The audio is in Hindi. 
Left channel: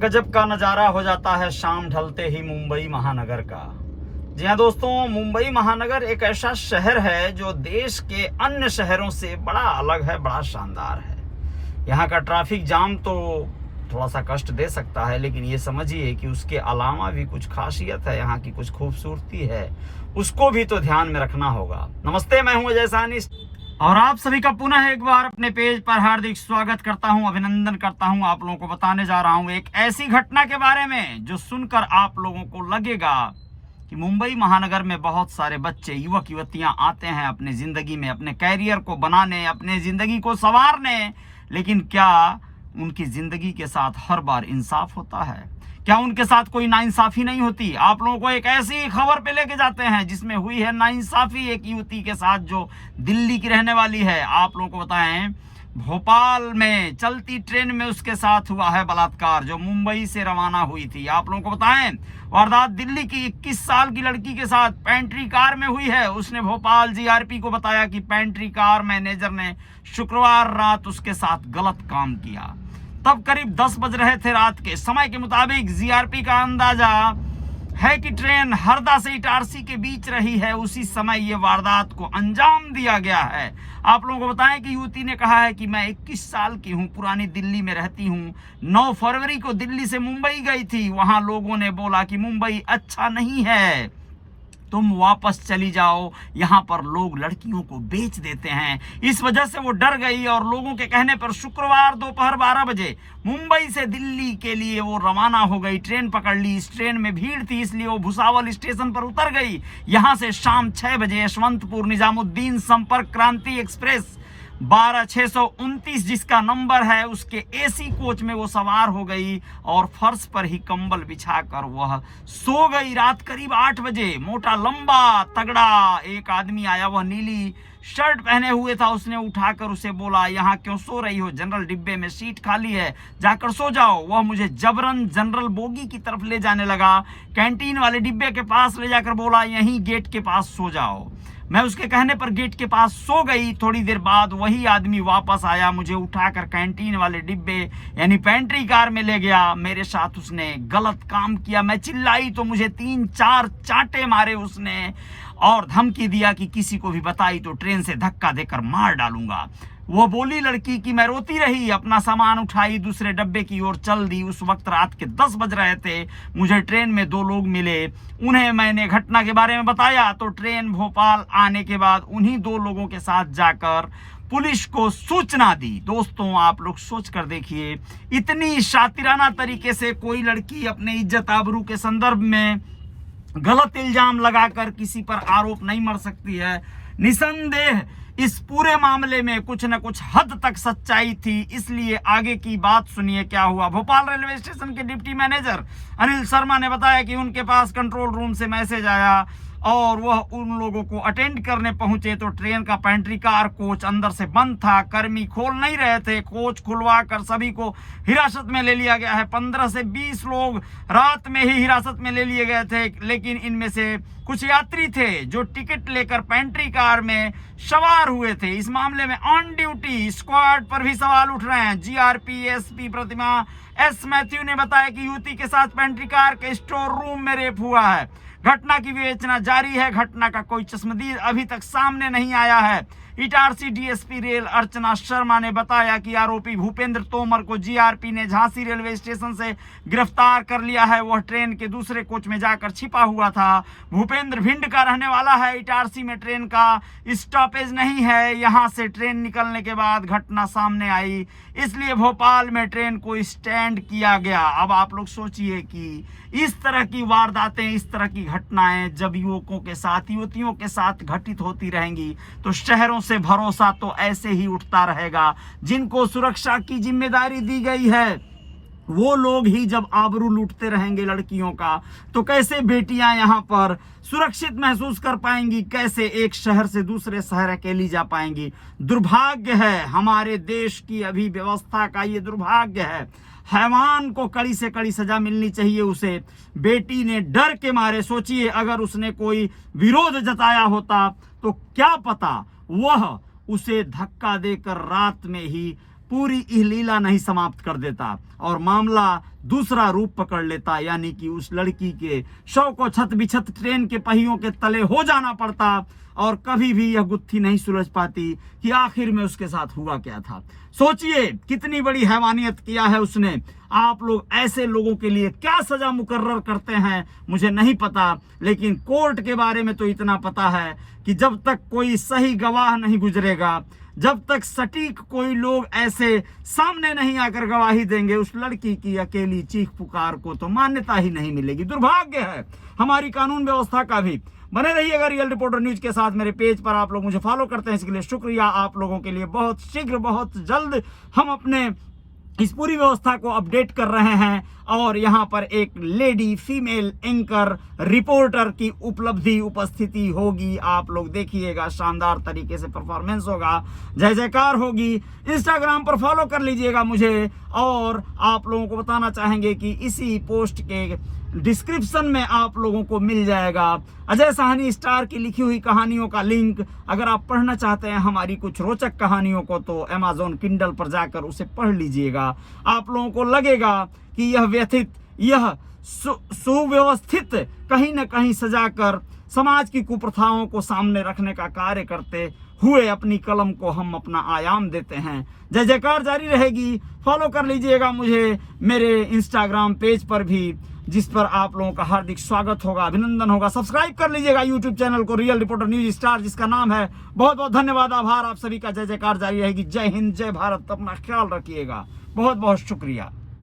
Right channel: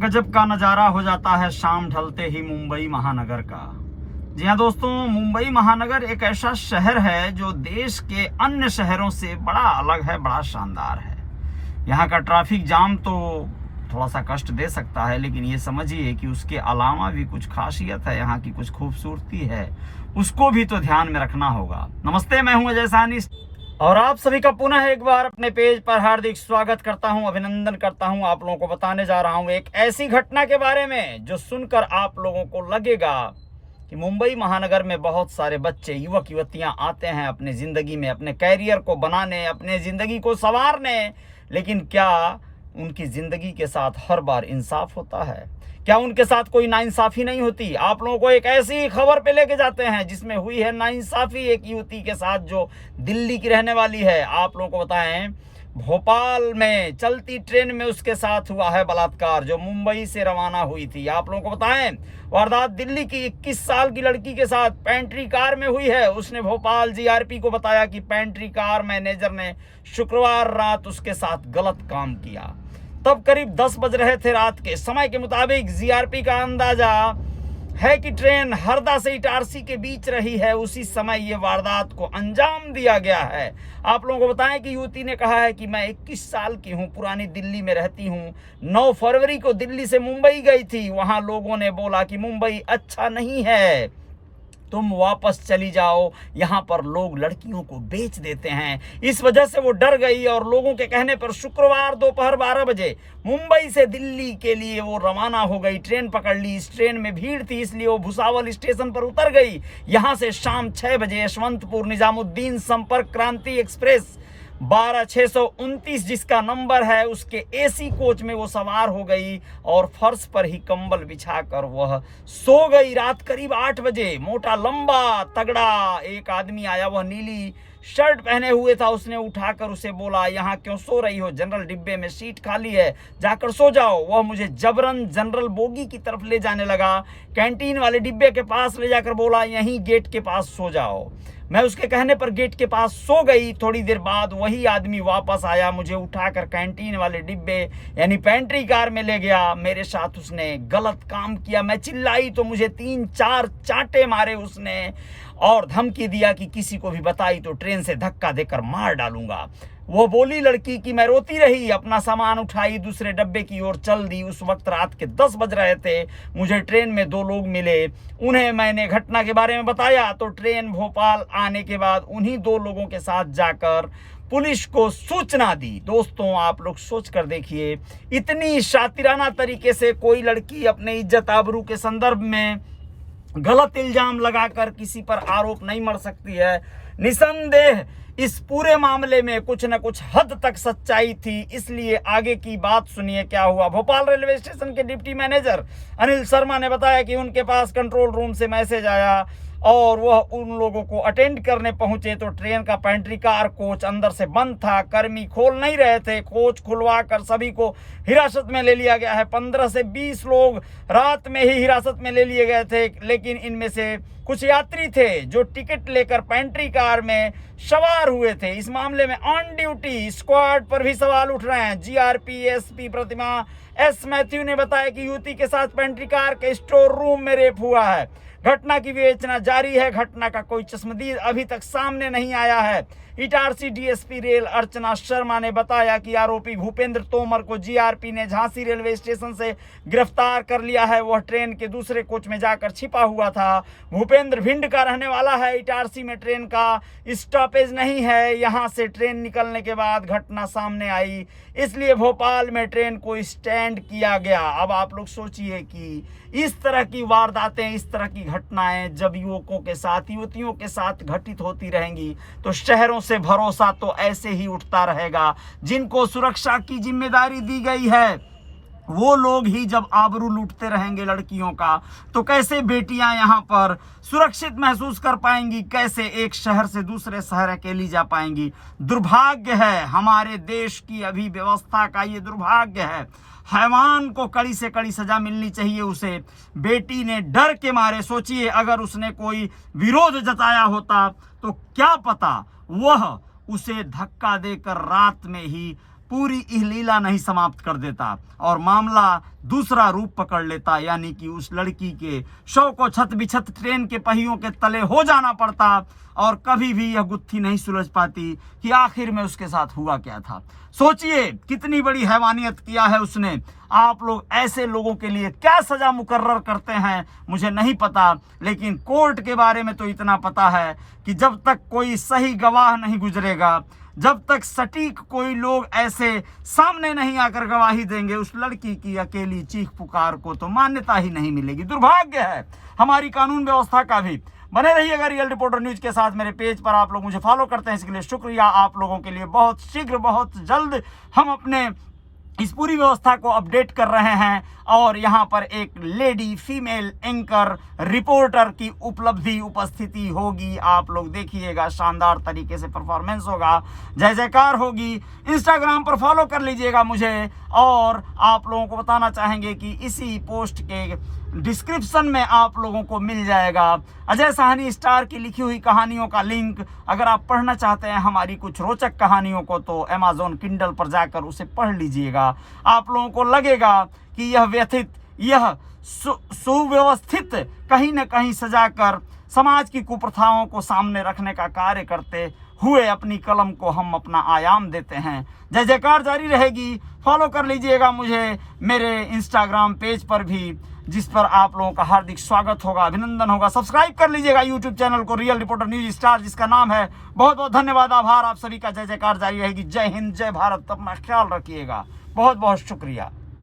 गजब का नज़ारा हो जाता है शाम ढलते ही मुंबई महानगर का। जी हाँ दोस्तों, मुंबई महानगर एक ऐसा शहर है जो देश के अन्य शहरों से बड़ा अलग है, बड़ा शानदार है। यहाँ का ट्रैफिक जाम तो थोड़ा सा कष्ट दे सकता है, लेकिन ये समझिए कि उसके अलावा भी कुछ खासियत है, यहाँ की कुछ खूबसूरती है, उसको भी तो ध्यान में रखना होगा। नमस्ते, मैं हूँ अजय साहनी और आप सभी का पुनः एक बार अपने पेज पर हार्दिक स्वागत करता हूं, अभिनंदन करता हूं। आप लोगों को बताने जा रहा हूं एक ऐसी घटना के बारे में जो सुनकर आप लोगों को लगेगा कि मुंबई महानगर में बहुत सारे बच्चे, युवक युवतियां आते हैं अपनी जिंदगी में अपने कैरियर को बनाने, अपने जिंदगी को संवारने, लेकिन क्या उनकी जिंदगी के साथ हर बार इंसाफ होता है? क्या उनके साथ कोई नाइंसाफी नहीं होती? आप लोगों को एक ऐसी खबर पे लेके जाते हैं जिसमें हुई है नाइंसाफी एक युवती के साथ जो दिल्ली की रहने वाली है। आप लोगों को बताएं, भोपाल में चलती ट्रेन में उसके साथ हुआ है बलात्कार, जो मुंबई से रवाना हुई थी। आप लोगों को बताएं, वारदात दिल्ली की 21 साल की लड़की के साथ पेंट्री कार में हुई है। उसने भोपाल जीआरपी को बताया कि पेंट्री कार मैनेजर ने शुक्रवार रात उसके साथ गलत काम किया। तब करीब 10 बज रहे थे रात के। समय के मुताबिक जीआरपी का अंदाजा है कि ट्रेन हरदा से इटारसी के बीच रही है। उसी समय ये वारदात को अंजाम दिया गया है। आप लोगों को बताएं कि युवती ने कहा है कि मैं 21 साल की हूं, पुरानी दिल्ली में रहती हूं, 9 फरवरी को दिल्ली से मुंबई गई थी। वहां लोगों ने बोला कि मुंबई अच्छा नहीं है, तुम वापस चली जाओ, यहाँ पर लोग लड़कियों को बेच देते हैं। इस वजह से वो डर गई और लोगों के कहने पर शुक्रवार दोपहर 12 बजे मुंबई से दिल्ली के लिए वो रवाना हो गई। ट्रेन पकड़ ली। इस ट्रेन में भीड़ थी, इसलिए वो भुसावल स्टेशन पर उतर गई। यहाँ से शाम 6 बजे यशवंतपुर निजामुद्दीन संपर्क क्रांति एक्सप्रेस 12629 जिसका नंबर है, उसके एसी कोच में वो सवार हो गई और फर्श पर ही कंबल बिछाकर वह सो गई। रात करीब 8 बजे मोटा लंबा तगड़ा एक आदमी आया। वह नीली शर्ट पहने हुए था। उसने उठाकर उसे बोला, यहाँ क्यों सो रही हो? जनरल डिब्बे में सीट खाली है, जाकर सो जाओ। वह मुझे जबरन जनरल बोगी की तरफ ले जाने लगा। कैंटीन वाले डिब्बे के पास ले जाकर बोला, यहीं गेट के पास सो जाओ। मैं उसके कहने पर गेट के पास सो गई। थोड़ी देर बाद वही आदमी वापस आया, मुझे उठाकर कैंटीन वाले डिब्बे यानी पेंट्री कार में ले गया। मेरे साथ उसने गलत काम किया। मैं चिल्लाई तो मुझे 3-4 चांटे मारे उसने और धमकी दिया कि किसी को भी बताई तो ट्रेन से धक्का देकर मार डालूंगा। वो बोली लड़की कि मैं रोती रही, अपना सामान उठाई, दूसरे डब्बे की ओर चल दी। उस वक्त रात के 10 बज रहे थे। मुझे ट्रेन में 2 लोग मिले, उन्हें मैंने घटना के बारे में बताया तो ट्रेन भोपाल आने के बाद उन्हीं 2 लोगों के साथ जाकर पुलिस को सूचना दी। दोस्तों, आप लोग सोच कर देखिए, इतनी शातिराना तरीके से कोई लड़की अपने इज्जत आबरू के संदर्भ में गलत इल्जाम लगाकर किसी पर आरोप नहीं मर सकती है। निसंदेह इस पूरे मामले में कुछ न कुछ हद तक सच्चाई थी। इसलिए आगे की बात सुनिए क्या हुआ। भोपाल रेलवे स्टेशन के डिप्टी मैनेजर अनिल शर्मा ने बताया कि उनके पास कंट्रोल रूम से मैसेज आया और वह उन लोगों को अटेंड करने पहुंचे तो ट्रेन का पेंट्री कार कोच अंदर से बंद था। कर्मी खोल नहीं रहे थे। कोच खुलवा कर सभी को हिरासत में ले लिया गया है। 15 से 20 लोग रात में ही हिरासत में ले लिए गए थे, लेकिन इनमें से कुछ यात्री थे जो टिकट लेकर पेंट्री कार में सवार हुए थे। इस मामले में ऑन ड्यूटी स्क्वाड पर भी सवाल उठ रहे हैं। जीआरपी एसपी प्रतिमा एस मैथ्यू ने बताया कि युवती के साथ पेंट्री कार के स्टोर रूम में रेप हुआ है। घटना की विवेचना जारी है। घटना का कोई चश्मदीद अभी तक सामने नहीं आया है। इटारसी डीएसपी रेल अर्चना शर्मा ने बताया कि आरोपी भूपेंद्र तोमर को जीआरपी ने झांसी रेलवे स्टेशन से गिरफ्तार कर लिया है। वह ट्रेन के दूसरे कोच में जाकर छिपा हुआ था। भूपेंद्र भिंड का रहने वाला है। इटारसी में ट्रेन का स्टॉपेज नहीं है। यहां से ट्रेन निकलने के बाद घटना सामने आई, इसलिए भोपाल में ट्रेन को स्टैंड किया गया। अब आप लोग सोचिए कि इस तरह की वारदातें, इस तरह की घटनाएं जब युवकों के साथ, युवतियों के साथ घटित होती रहेंगी तो शहरों से भरोसा तो ऐसे ही उठता रहेगा। जिनको सुरक्षा की जिम्मेदारी दी गई है वो लोग ही जब आबरू लूटते रहेंगे लड़कियों का, तो कैसे बेटियां यहाँ पर सुरक्षित महसूस कर पाएंगी? कैसे एक शहर से दूसरे शहर अकेली जा पाएंगी? दुर्भाग्य है हमारे देश की अभी व्यवस्था का, ये दुर्भाग्य है। हैवान को कड़ी से कड़ी सजा मिलनी चाहिए। उसे बेटी ने डर के मारे, सोचिए अगर उसने कोई विरोध जताया होता तो क्या पता वह उसे धक्का देकर रात में ही पूरी यह लीला नहीं समाप्त कर देता और मामला दूसरा रूप पकड़ लेता, यानी कि उस लड़की के शव को छत बिछत ट्रेन के पहियों के तले हो जाना पड़ता और कभी भी यह गुत्थी नहीं सुलझ पाती कि आखिर में उसके साथ हुआ क्या था। सोचिए कितनी बड़ी हैवानियत किया है उसने। आप लोग ऐसे लोगों के लिए क्या सजा मुकर्रर करते हैं मुझे नहीं पता, लेकिन कोर्ट के बारे में तो इतना पता है कि जब तक कोई सही गवाह नहीं गुजरेगा, जब तक सटीक कोई लोग ऐसे सामने नहीं आकर गवाही देंगे, उस लड़की की अकेली चीख पुकार को तो मान्यता ही नहीं मिलेगी। दुर्भाग्य है हमारी कानून व्यवस्था का भी। बने रहिएगा रियल रिपोर्टर न्यूज के साथ। मेरे पेज पर आप लोग मुझे फॉलो करते हैं, इसके लिए शुक्रिया। आप लोगों के लिए बहुत शीघ्र बहुत जल्द हम अपने इस पूरी व्यवस्था को अपडेट कर रहे हैं और यहाँ पर एक लेडी फीमेल एंकर रिपोर्टर की उपस्थिति होगी। आप लोग देखिएगा, शानदार तरीके से परफॉर्मेंस होगा, जय जयकार होगी। इंस्टाग्राम पर फॉलो कर लीजिएगा मुझे और आप लोगों को बताना चाहेंगे कि इसी पोस्ट के डिस्क्रिप्शन में आप लोगों को मिल जाएगा अजय साहनी स्टार की लिखी हुई कहानियों का लिंक। अगर आप पढ़ना चाहते हैं हमारी कुछ रोचक कहानियों को तो अमेज़न किंडल पर जाकर उसे पढ़ लीजिएगा। आप लोगों को लगेगा कि यह व्यथित, यह सुव्यवस्थित कहीं न कहीं सजाकर समाज की कुप्रथाओं को सामने रखने का कार्य करते हुए अपनी कलम को हम अपना आयाम देते हैं। जय जयकार जारी रहेगी। फॉलो कर लीजिएगा मुझे मेरे इंस्टाग्राम पेज पर भी, जिस पर आप लोगों का हार्दिक स्वागत होगा, अभिनंदन होगा। सब्सक्राइब कर लीजिएगा यूट्यूब चैनल को रियल रिपोर्टर न्यूज स्टार जिसका नाम है। बहुत बहुत धन्यवाद, आभार। आप सभी का जय जयकार जारी रहेगी। जय हिंद, जय भारत। अपना ख्याल रखिएगा। बहुत बहुत शुक्रिया।